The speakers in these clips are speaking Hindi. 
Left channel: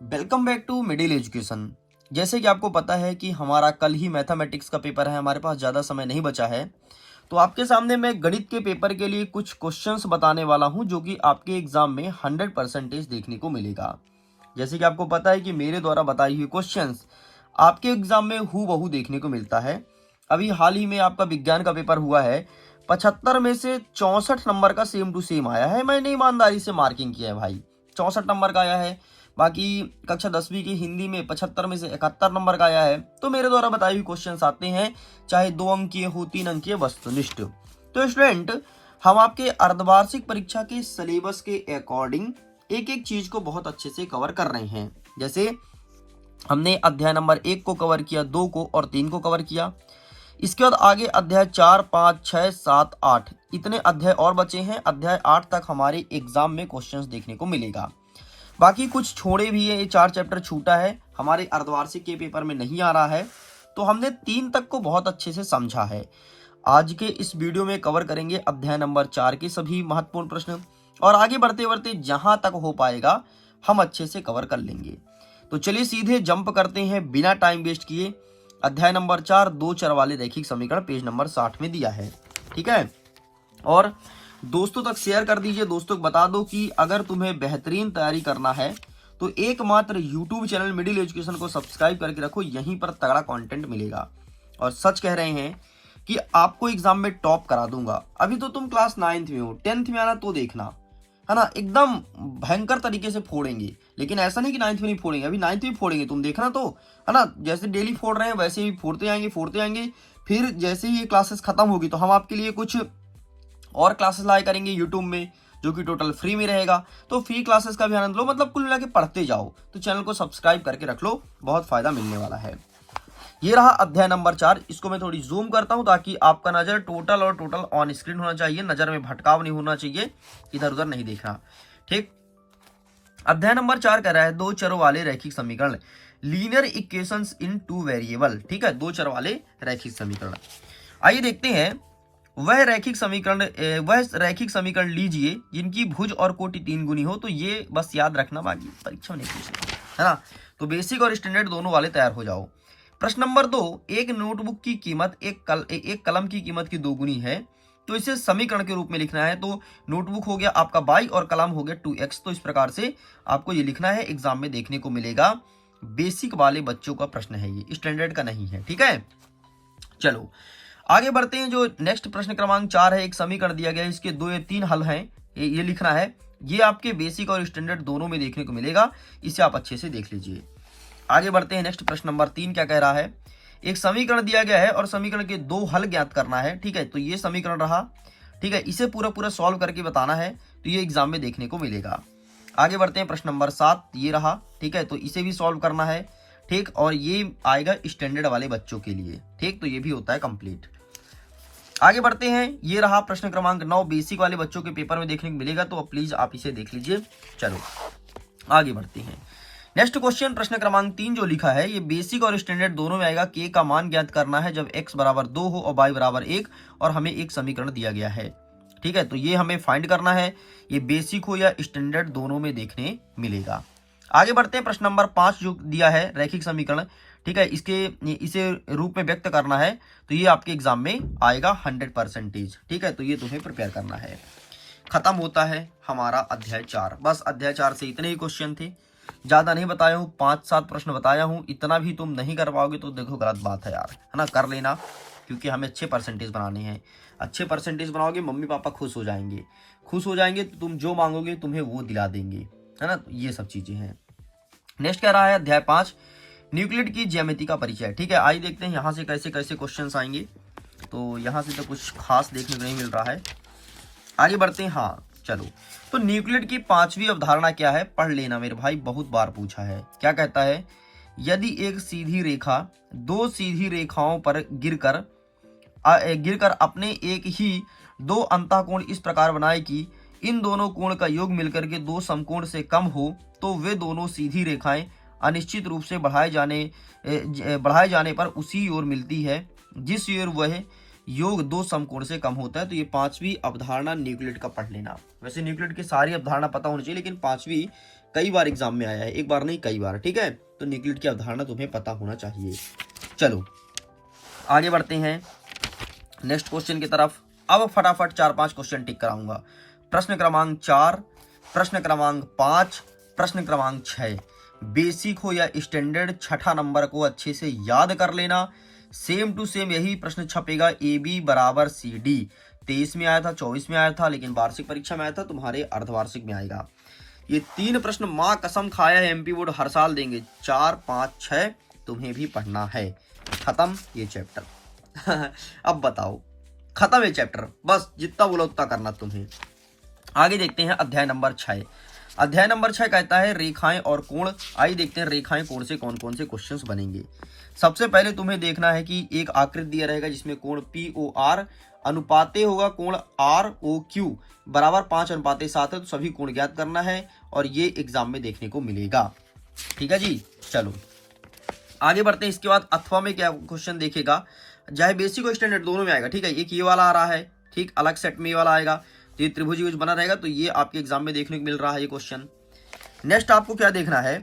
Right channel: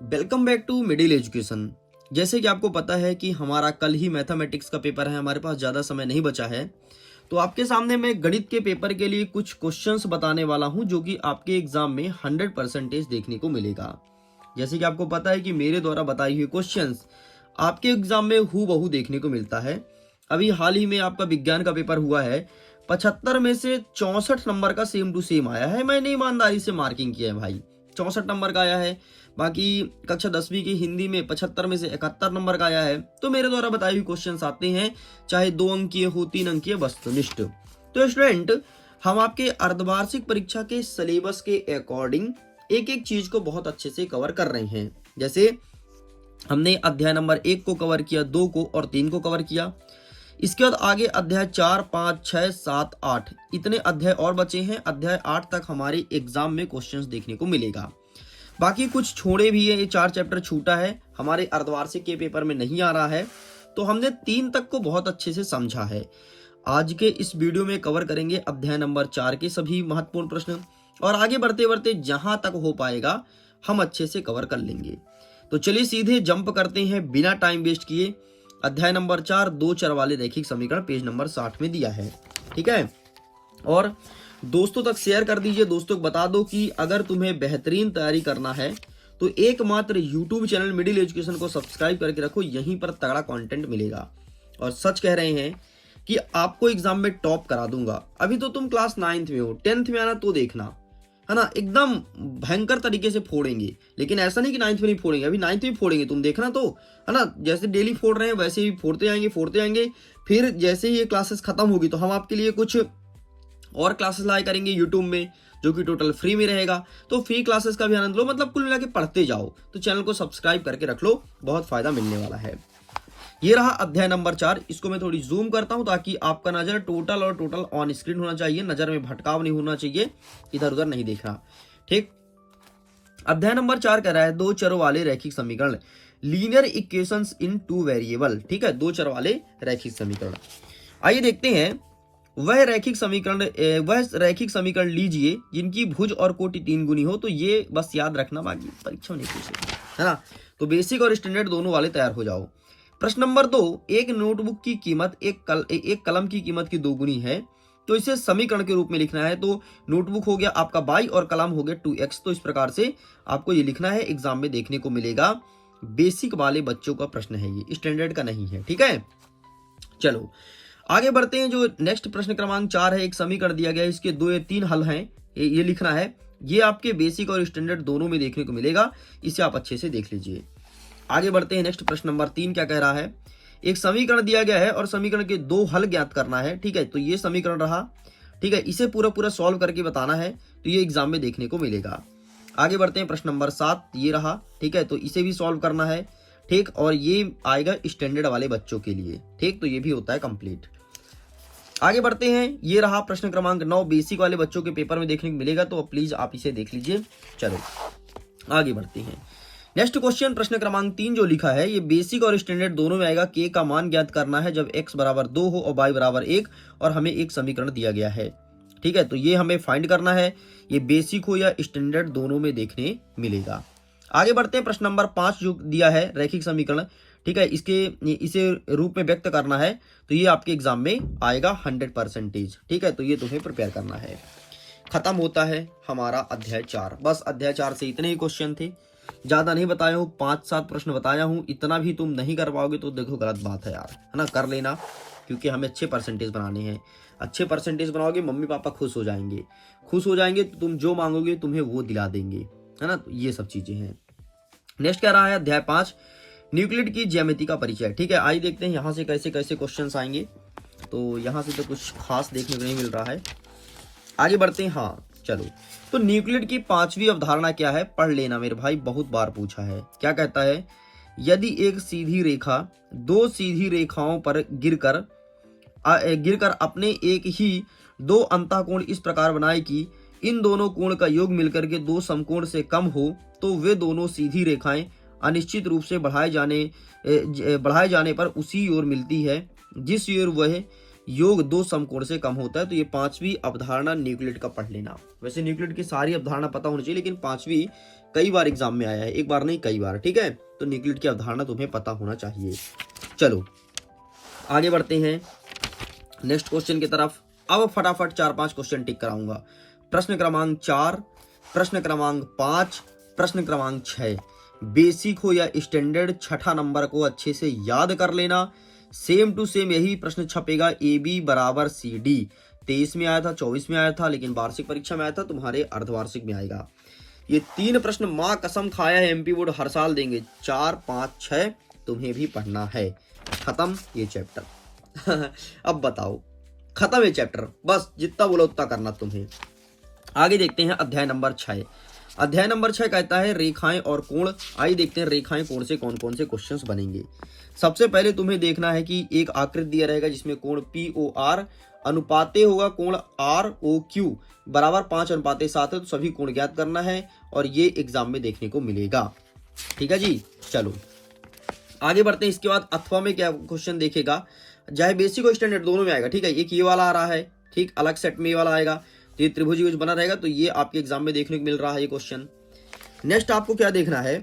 Welcome back to middle education. जैसे कि आपको पता है कि हमारा कल ही मैथमेटिक्स का पेपर है, हमारे पास ज़्यादा समय नहीं बचा है। तो आपके सामने मैं गणित के पेपर के लिए कुछ क्वेश्चंस बताने वाला हूं जो कि आपके एग्जाम में 100% देखने को मिलेगा। जैसे कि आपको पता है कि मेरे द्वारा बताई हुई क्वेश्चंस आपके एग्जाम में हूबहू देखने को मिलता है। अभी हाल ही में आपका विज्ञान का पेपर हुआ है, 75 में से 64 नंबर का सेम टू सेम आया है। मैंने ईमानदारी से मार्किंग किया है भाई, 64 नंबर का आया है। बाकी कक्षा 10वीं की हिंदी में 75 में से 71 नंबर का आया है। तो मेरे द्वारा बताई हुई क्वेश्चन आते हैं, चाहे 2 अंकीय हो, 3 अंकीय, वस्तुनिष्ठ। तो स्टूडेंट, हम आपके अर्धवार्षिक परीक्षा के सिलेबस के अकॉर्डिंग एक एक चीज को बहुत अच्छे से कवर कर रहे हैं। जैसे हमने अध्याय नंबर 1 को कवर किया, 2 को और 3 को कवर किया। इसके बाद आगे अध्याय 4, 5, 6, 7, 8 इतने अध्याय और बचे हैं। अध्याय 8 तक हमारे एग्जाम में क्वेश्चंस देखने को मिलेगा। बाकी कुछ छोड़े भी है, ये 4 चैप्टर छूटा है, हमारे अर्धवार्षिक के पेपर में नहीं आ रहा है। तो हमने 3 तक को बहुत अच्छे से समझा है। आज के इस वीडियो में कवर करेंगे अध्याय नंबर 4 के सभी महत्वपूर्ण प्रश्न, और आगे बढ़ते बढ़ते जहां तक हो पाएगा हम अच्छे से कवर कर लेंगे। तो चलिए सीधे जंप करते हैं बिना टाइम वेस्ट किए। अध्याय नंबर 4, 2 चर वाले रैखिक समीकरण, पेज नंबर 60 में दिया है। ठीक है, और दोस्तों तक शेयर कर दीजिए। दोस्तों को बता दो कि अगर तुम्हें बेहतरीन तैयारी करना है तो एकमात्र यूट्यूब चैनल मिडिल एजुकेशन को सब्सक्राइब करके रखो, यहीं पर तगड़ा कंटेंट मिलेगा। और सच कह रहे हैं कि आपको एग्जाम में टॉप करा दूंगा। अभी तो तुम क्लास 9th में हो, 10th में आना तो देखना, है ना, एकदम भयंकर तरीके से फोड़ेंगे। लेकिन ऐसा नहीं कि 9th में नहीं फोड़ेंगे, अभी 9th में फोड़ेंगे, तुम देखना तो, है ना। जैसे डेली फोड़ रहे हैं वैसे ही फोड़ते आएंगे। फिर जैसे ही ये क्लासेस खत्म होगी तो हम आपके लिए कुछ और क्लासेस लाया करेंगे यूट्यूब में, जो कि टोटल फ्री में रहेगा। तो फ्री क्लासेस का भी आनंद लो, मतलब कुल मिला के पढ़ते जाओ। तो चैनल को सब्सक्राइब करके रख लो, बहुत फायदा मिलने वाला है। ये रहा अध्याय नंबर 4। इसको मैं थोड़ी जूम करता हूं ताकि आपका नजर टोटल ऑन स्क्रीन होना चाहिए, नजर में भटकाव नहीं होना चाहिए, इधर उधर नहीं देखना। ठीक, अध्याय नंबर 4 कह रहा है 2 चरों वाले रैखिक समीकरण, लीनियर इक्वेशंस इन 2 वेरिएबल। ठीक है, 2 चर वाले रैखिक समीकरण। आइए देखते हैं। वह रैखिक समीकरण लीजिए जिनकी भुज और कोटि 3 गुनी हो। तो ये बस याद रखना, बाकी परीक्षा में नहीं पूछेगा, है ना। तो बेसिक और स्टैंडर्ड दोनों वाले तैयार हो जाओ। प्रश्न नंबर 2, एक नोटबुक की कीमत एक कलम की कीमत की 2 गुनी है। तो इसे समीकरण के रूप में लिखना है। तो नोटबुक हो गया आपका y और कलम हो गया 2x। तो इस प्रकार से आपको ये लिखना है, एग्जाम में देखने को मिलेगा। बेसिक वाले बच्चों का प्रश्न है, ये स्टैंडर्ड का नहीं है। ठीक है, चलो आगे बढ़ते हैं। जो नेक्स्ट प्रश्न क्रमांक 4 है, एक समीकरण दिया गया है, इसके 2 या 3 हल हैं, ये लिखना है। ये आपके बेसिक और स्टैंडर्ड दोनों में देखने को मिलेगा, इसे आप अच्छे से देख लीजिए। आगे बढ़ते हैं। नेक्स्ट प्रश्न नंबर 3 क्या कह रहा है, एक समीकरण दिया गया है और समीकरण के 2 हल ज्ञात करना है। ठीक है, तो ये समीकरण रहा। ठीक है, इसे पूरा सॉल्व करके बताना है, तो ये एग्जाम में देखने को मिलेगा। आगे बढ़ते हैं। प्रश्न नंबर 7 ये रहा। ठीक है, तो इसे भी सॉल्व करना है। ठीक, और ये आएगा स्टैंडर्ड वाले बच्चों के लिए। ठीक, तो ये भी होता है कंप्लीट। आगे बढ़ते हैं। ये रहा प्रश्न क्रमांक 9, बेसिक वाले बच्चों के पेपर में देखने को मिलेगा, तो प्लीज आप इसे देख लीजिए। चलो आगे बढ़ते हैं। नेक्स्ट क्वेश्चन प्रश्न क्रमांक 3 जो लिखा है, ये बेसिक और स्टैंडर्ड दोनों में आएगा। के का मान ज्ञात करना है जब x बराबर 2 हो और y बराबर 1, और हमें एक समीकरण दिया गया है। ठीक है, तो ये हमें फाइंड करना है, ये बेसिक हो या स्टैंडर्ड दोनों में देखने मिलेगा। आगे बढ़ते हैं। प्रश्न नंबर 5 जो दिया है रैखिक समीकरण, ठीक है, इसे रूप में व्यक्त करना है, तो ये आपके एग्जाम में आएगा 100%। ठीक है, तो ये तुम्हें प्रिपेयर करना है। खत्म होता है हमारा अध्याय 4। बस अध्याय 4 से इतने ही क्वेश्चन थे, ज्यादा नहीं बताया हूँ, 5-7 प्रश्न बताया हूँ। इतना भी तुम नहीं कर पाओगे तो देखो गलत बात है यार, है ना। कर लेना, क्योंकि हमें अच्छे परसेंटेज बनाने हैं। अच्छे परसेंटेज बनाओगे, मम्मी पापा खुश हो जाएंगे। खुश हो जाएंगे तो तुम जो मांगोगे तुम्हें वो दिला देंगे, है ना। तो ये सब चीजें हैं। नेक्स्ट क्या रहा है, अध्याय 5, न्यूक्लिड की ज्यामिति का परिचय। ठीक है, आइए देखते हैं यहाँ से कैसे कैसे क्वेश्चंस आएंगे। तो यहाँ से तो कुछ खास देखने को नहीं मिल रहा है। आगे बढ़ते हैं। हाँ चलो, तो न्यूक्लिड की 5वीं अवधारणा क्या है, पढ़ लेना मेरे भाई, बहुत बार पूछा है। क्या कहता है, यदि एक सीधी रेखा 2 सीधी रेखाओं पर गिरकर अपने एक ही 2 अंतःकोण इस प्रकार बनाए कि इन दोनों कोण का योग मिलकर के 2 समकोण से कम हो, तो वे दोनों सीधी रेखाएं अनिश्चित रूप से बढ़ाए जाने पर उसी ओर मिलती है जिस ओर वह योग 2 समकोण से कम होता है। तो ये 5वीं अवधारणा न्यूक्लिड का पढ़ लेना। वैसे न्यूक्लिड की सारी अवधारणा पता होनी चाहिए, लेकिन 5वीं कई बार एग्जाम में आया है, एक बार नहीं कई बार, ठीक है। तो न्यूक्लिड की अवधारणा तुम्हें पता होना चाहिए। चलो आगे बढ़ते हैं नेक्स्ट क्वेश्चन की तरफ। अब फटाफट 4-5 क्वेश्चन टिक कराऊंगा। प्रश्न क्रमांक 4, प्रश्न क्रमांक 5, प्रश्न क्रमांक 6। बेसिक हो या स्टैंडर्ड, छठा नंबर को अच्छे से याद कर लेना। सेम टू सेम यही प्रश्न छपेगा, AB बराबर CD। 23 में आया था, 24 में आया था, लेकिन वार्षिक परीक्षा में आया था, तुम्हारे अर्धवार्षिक में आएगा। ये 3 प्रश्न माँ कसम खाया है MP बोर्ड हर साल देंगे। 4, 5, 6 तुम्हें भी पढ़ना है। खत्म ये चैप्टर। अब बताओ, खत्म है चैप्टर, बस जितना बोला उतना करना तुम्हें। आगे देखते हैं अध्याय नंबर 6। अध्याय नंबर 6 कहता है रेखाएं और कोण। आइए देखते हैं रेखाएं कोण से कौन कौन से क्वेश्चंस बनेंगे। सबसे पहले तुम्हें देखना है कि एक आकृति दिया रहेगा जिसमें कोण POR अनुपाते होगा कोण ROQ बराबर 5:7 है। तो सभी कोण ज्ञात करना है और ये एग्जाम में देखने को मिलेगा। ठीक है जी, चलो आगे बढ़ते हैं। इसके बाद अथवा में क्या क्वेश्चन देखेगा, चाहे बेसिक और स्टैंडर्ड दोनों में आएगा। ठीक है, एक ये वाला आ रहा है, ठीक, अलग सेट में ये वाला आएगा। तो ये त्रिभुज कुछ बना रहेगा, तो ये आपके एग्जाम में देखने को मिल रहा है ये क्वेश्चन। नेक्स्ट आपको क्या देखना है,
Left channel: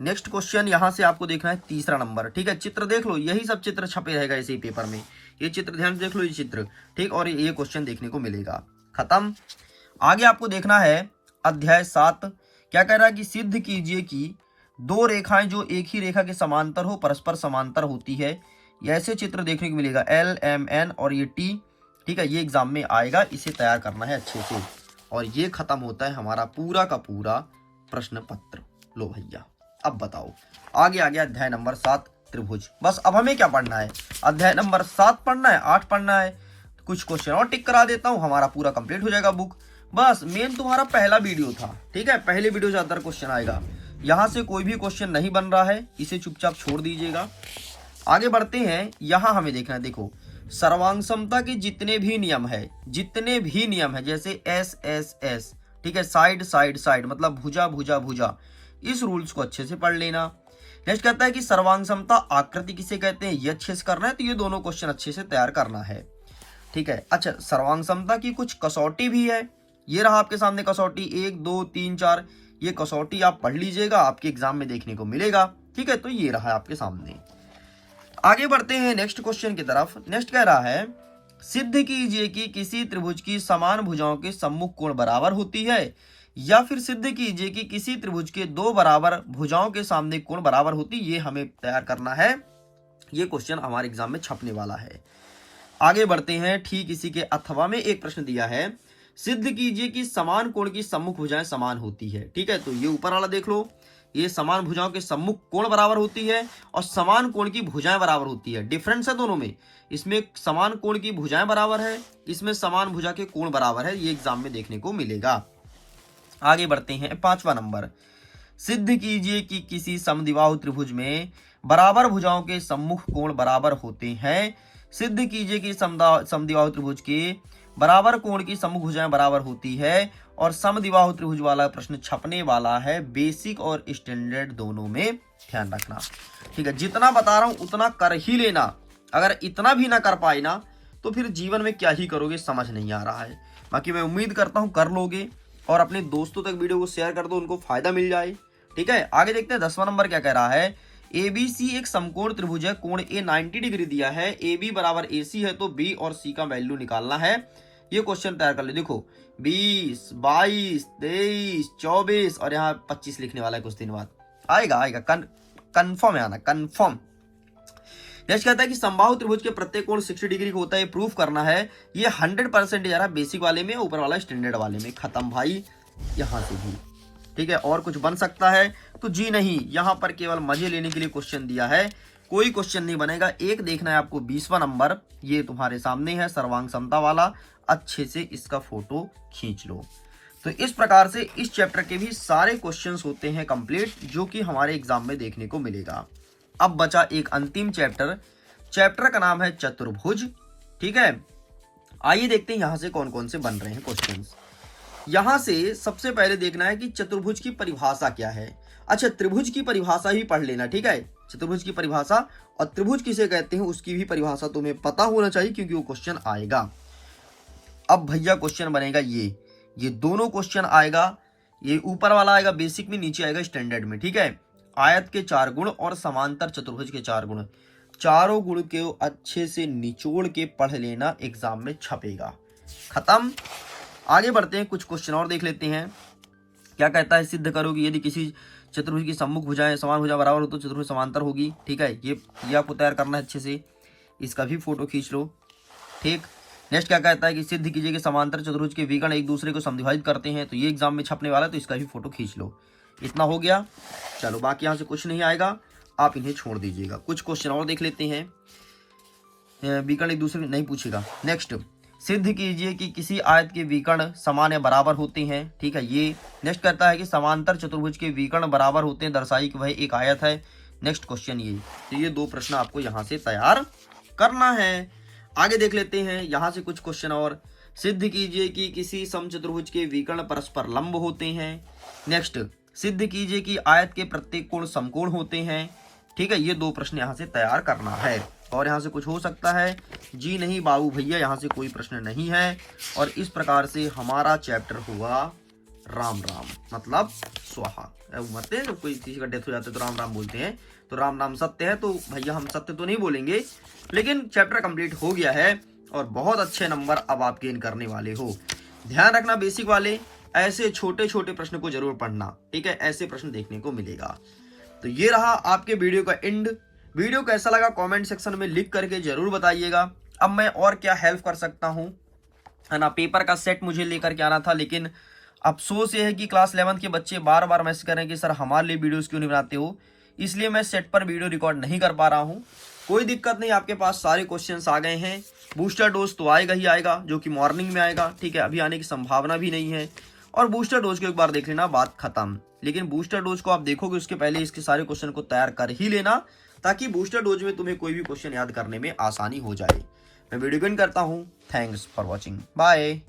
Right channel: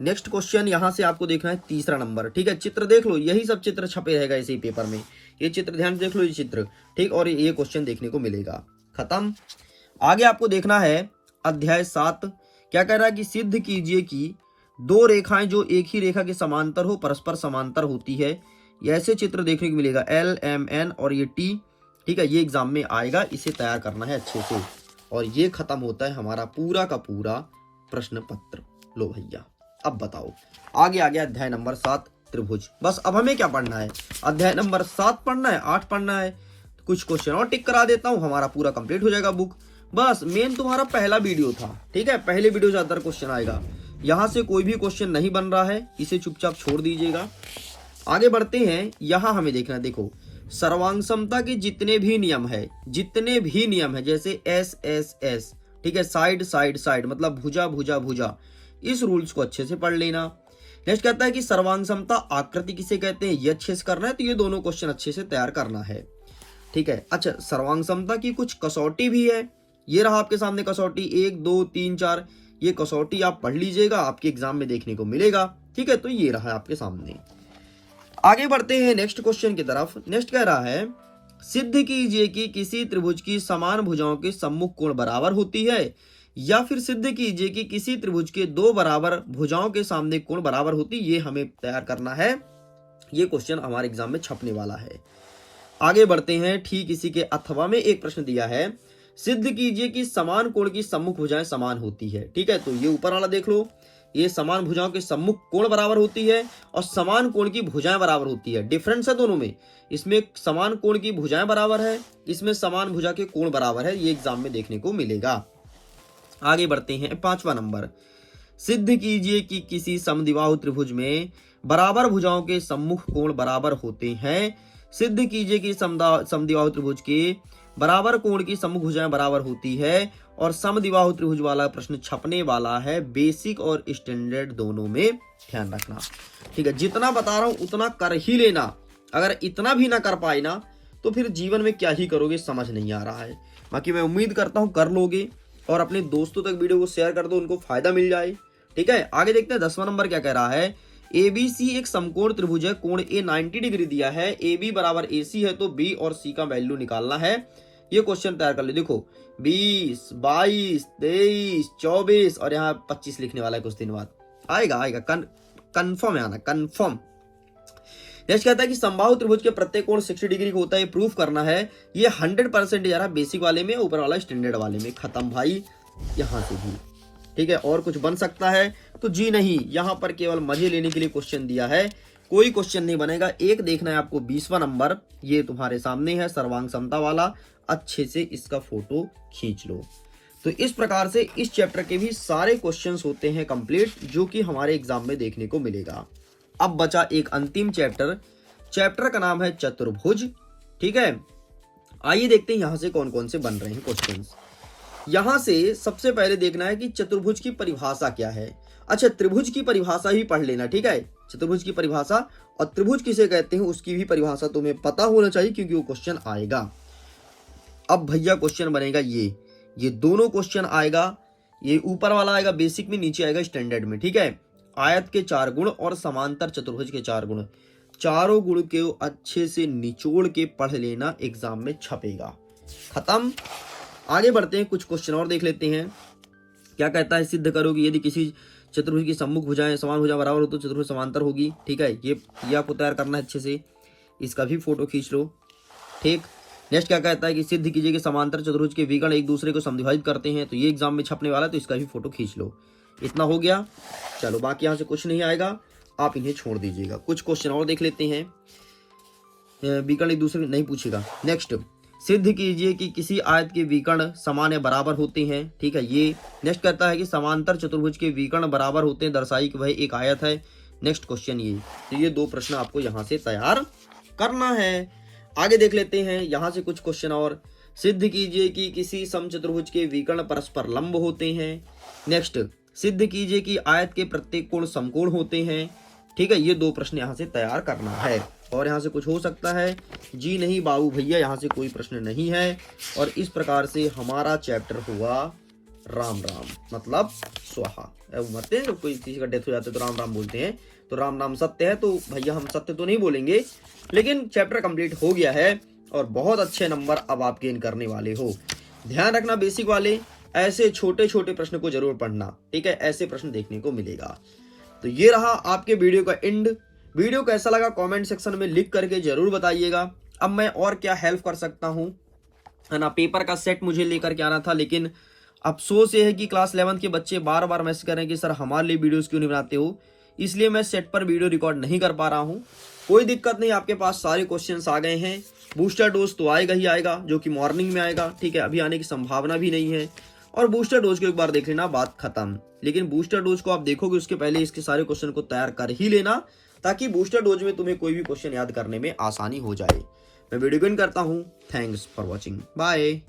नेक्स्ट क्वेश्चन यहां से आपको देखना है 3रा नंबर। ठीक है, चित्र देख लो, यही सब चित्र छपे रहेगा इसी पेपर में। ये चित्र ध्यान से देख लो, ये चित्र, ठीक, और ये क्वेश्चन देखने को मिलेगा। खत्म। आगे आपको देखना है अध्याय 7। क्या कह रहा है कि सिद्ध कीजिए कि 2 रेखाएं जो एक ही रेखा के समांतर हो परस्पर समांतर होती है। ऐसे चित्र देखने को मिलेगा, LMN और ये T। ठीक है, ये एग्जाम में आएगा, इसे तैयार करना है अच्छे से। और ये खत्म होता है हमारा पूरा का पूरा प्रश्न पत्र। लो भैया, अब बताओ आगे आगे अध्याय नंबर 7 त्रिभुज। बस अब हमें क्या पढ़ना है, अध्याय नंबर 7 पढ़ना है, 8 पढ़ना है। कुछ क्वेश्चन और टिक करा देता हूँ, हमारा पूरा कंप्लीट हो जाएगा बुक। बस मेन तुम्हारा पहला वीडियो था, ठीक है, पहले वीडियो से ज्यादा क्वेश्चन आएगा। यहाँ से कोई भी क्वेश्चन नहीं बन रहा है, इसे चुपचाप छोड़ दीजिएगा। आगे बढ़ते हैं, यहाँ हमें देखना है, देखो सर्वांग समता के जितने भी नियम है, जितने भी नियम है, जैसे SSS, ठीक है, साइड साइड साइड मतलब भुजा भुजा भुजा, इस रूल्स को अच्छे से पढ़ लेना। नेक्स्ट कहता है कि सर्वांग समता आकृति किसे कहते हैं, ये अच्छे से करना है। तो ये दोनों क्वेश्चन अच्छे से तैयार करना है। ठीक है, अच्छा सर्वांग समता की कुछ कसौटी भी है, ये रहा आपके सामने कसौटी 1, 2, 3, 4। ये कसौटी आप पढ़ लीजिएगा, आपके एग्जाम में देखने को मिलेगा। ठीक है, तो ये रहा आपके सामने। आगे बढ़ते हैं नेक्स्ट क्वेश्चन की तरफ। नेक्स्ट कह रहा है सिद्ध कीजिए कि किसी त्रिभुज की समान भुजाओं के सम्मुख कोण बराबर होती है, या फिर सिद्ध कीजिए कि किसी त्रिभुज के 2 बराबर भुजाओं के सामने कोण बराबर होती। ये हमें तैयार करना है, ये क्वेश्चन हमारे एग्जाम में छपने वाला है। आगे बढ़ते हैं, ठीक इसी के अथवा में एक प्रश्न दिया है, सिद्ध कीजिए कि समान कोण की सम्मुख भुजाएं समान होती है। ठीक है, तो ये ऊपर वाला देख लो, ये समान भुजाओं के सम्मुख कोण बराबर होती है और समान कोण की भुजाएं बराबर होती है। डिफरेंस है दोनों में, इसमें समान कोण की भुजाएं बराबर है, इसमें समान भुजा के कोण बराबर है। ये एग्जाम में देखने को मिलेगा। आगे बढ़ते हैं, 5वां नंबर, सिद्ध कीजिए कि किसी समद्विबाहु त्रिभुज में बराबर भुजाओं के सम्मुख कोण बराबर होते हैं। सिद्ध कीजिए कि समद्विबाहु त्रिभुज के बराबर कोण की सम्मुख भुजाएं बराबर होती है। और समद्विबाहु त्रिभुज वाला प्रश्न छपने वाला है, बेसिक और स्टैंडर्ड दोनों में, ध्यान रखना। ठीक है, जितना बता रहा हूं उतना कर ही लेना। अगर इतना भी ना कर पाए ना तो फिर जीवन में क्या ही करोगे, समझ नहीं आ रहा है। बाकी मैं उम्मीद करता हूं कर लोगे, और अपने दोस्तों तक वीडियो को शेयर कर दो, उनको फायदा मिल जाए। ठीक है, आगे देखते हैं 10वां नंबर क्या कह रहा है, ABC एक समकोण त्रिभुज है, कोण A 90 डिग्री दिया है, AB बराबर AC है, तो B और C का वैल्यू निकालना है। ये क्वेश्चन तैयार कर ले। देखो 20, 22, 23, 24 और यहाँ 25 लिखने वाला है, कुछ दिन बाद आएगा, कंफर्म है आना, कंफर्म। नेक्स्ट कहता है कि समबाहु त्रिभुज के प्रत्येक कोण 60 डिग्री का होता है, प्रूफ करना है। ये 100% जा रहा है बेसिक वाले में, ऊपर वाला स्टैंडर्ड वाले में। खत्म भाई, यहाँ से भी। ठीक है, और कुछ बन सकता है तो जी नहीं, यहाँ पर केवल मजे लेने के लिए क्वेश्चन दिया है, कोई क्वेश्चन नहीं बनेगा। एक देखना है आपको 20वां नंबर, ये तुम्हारे सामने है, सर्वांग समता वाला। अच्छे से इसका फोटो खींच लो। तो इस प्रकार से इस चैप्टर के भी सारे क्वेश्चंस होते हैं कंप्लीट, जो कि हमारे एग्जाम में देखने को मिलेगा। अब बचा एक अंतिम चैप्टर, चैप्टर का नाम है चतुर्भुज। ठीक है, आइए देखते हैं यहां से कौन कौन से बन रहे हैं क्वेश्चंस। यहां से सबसे पहले देखना है कि चतुर्भुज की परिभाषा क्या है। अच्छा, त्रिभुज की परिभाषा ही पढ़ लेना। ठीक है, चतुर्भुज की परिभाषा और त्रिभुज किसे कहते हैं उसकी भी परिभाषा तुम्हें पता होना चाहिए, क्योंकि वो क्वेश्चन आएगा। अब भैया क्वेश्चन बनेगा ये दोनों क्वेश्चन आएगा। ये ऊपर वाला आएगा बेसिक में, नीचे आएगा स्टैंडर्ड में, ठीक है। आयत के 4 गुण और समांतर चतुर्भुज के 4 गुण, चारों गुण के अच्छे से निचोड़ के पढ़ लेना, एग्जाम में छपेगा। खत्म। आगे बढ़ते हैं, कुछ क्वेश्चन और देख लेते हैं। क्या कहता है, सिद्ध करो कि यदि किसी चतुर्भुज की सम्मुख भुजाएं समान भुजा बराबर हो तो चतुर्भुज समांतर होगी, ठीक है। ये आपको तैयार करना है अच्छे से, इसका भी फोटो खींच लो, ठीक। नेक्स्ट क्या कहता है कि सिद्ध कीजिए कि समांतर चतुर्भुज के विकर्ण एक दूसरे को समद्विभाजित करते हैं, तो ये एग्जाम में छपने वाला है, तो इसका भी फोटो खींच लो। इतना हो गया, चलो बाकी यहाँ से कुछ नहीं आएगा, आप इन्हें छोड़ दीजिएगा। कुछ क्वेश्चन और देख लेते हैं। विकर्ण एक दूसरे नहीं पूछेगा। नेक्स्ट, सिद्ध कीजिए कि किसी आयत के विकर्ण समान या बराबर होते हैं, ठीक है। ये नेक्स्ट कहता है कि समांतर चतुर्भुज के विकर्ण बराबर होते हैं, दर्शाई कि वह एक आयत है। नेक्स्ट क्वेश्चन ये, तो ये 2 प्रश्न आपको यहाँ से तैयार करना है। आगे देख लेते हैं यहाँ से कुछ क्वेश्चन और। सिद्ध कीजिए कि किसी समचतुर्भुज के विकर्ण परस्पर लंब होते हैं। नेक्स्ट, सिद्ध कीजिए कि आयत के प्रत्येक कोण समकोण होते हैं, ठीक है। ये 2 प्रश्न यहाँ से तैयार करना है। और यहाँ से कुछ हो सकता है, जी नहीं बाबू भैया, यहाँ से कोई प्रश्न नहीं है। और इस प्रकार से हमारा चैप्टर हुआ राम राम, मतलब स्वाहा। मरते हैं, कोई किसी का डेथ हो जाता है तो राम राम बोलते हैं, तो राम नाम सत्य है, तो भैया हम सत्य तो नहीं बोलेंगे, लेकिन चैप्टर कंप्लीट हो गया है और बहुत अच्छे नंबर अब आप गेन करने वाले हो। ध्यान रखना बेसिक वाले, ऐसे छोटे छोटे प्रश्न को जरूर पढ़ना, ठीक है। ऐसे प्रश्न देखने को मिलेगा। तो ये रहा आपके वीडियो का एंड। वीडियो कैसा लगा कमेंट सेक्शन में लिख करके जरूर बताइएगा। अब मैं और क्या हेल्प कर सकता हूँ, है ना। पेपर का सेट मुझे लेकर के आना था, लेकिन अफसोस ये है कि क्लास 11 के बच्चे बार बार मैसेज कर रहे हैं कि सर हमारे लिए वीडियोस क्यों नहीं बनाते हो, इसलिए मैं सेट पर वीडियो रिकॉर्ड नहीं कर पा रहा हूँ। कोई दिक्कत नहीं, आपके पास सारे क्वेश्चंस आ गए हैं। बूस्टर डोज तो आएगा ही आएगा, जो कि मॉर्निंग में आएगा, ठीक है। अभी आने की संभावना भी नहीं है। और बूस्टर डोज को एक बार देख लेना, बात खत्म। लेकिन बूस्टर डोज को आप देखोगे उसके पहले इसके सारे क्वेश्चन को तैयार कर ही लेना, ताकि बूस्टर डोज में तुम्हें कोई भी क्वेश्चन याद करने में आसानी हो जाए। मैं वीडियो एंड करता हूँ। Thanks for watching, bye.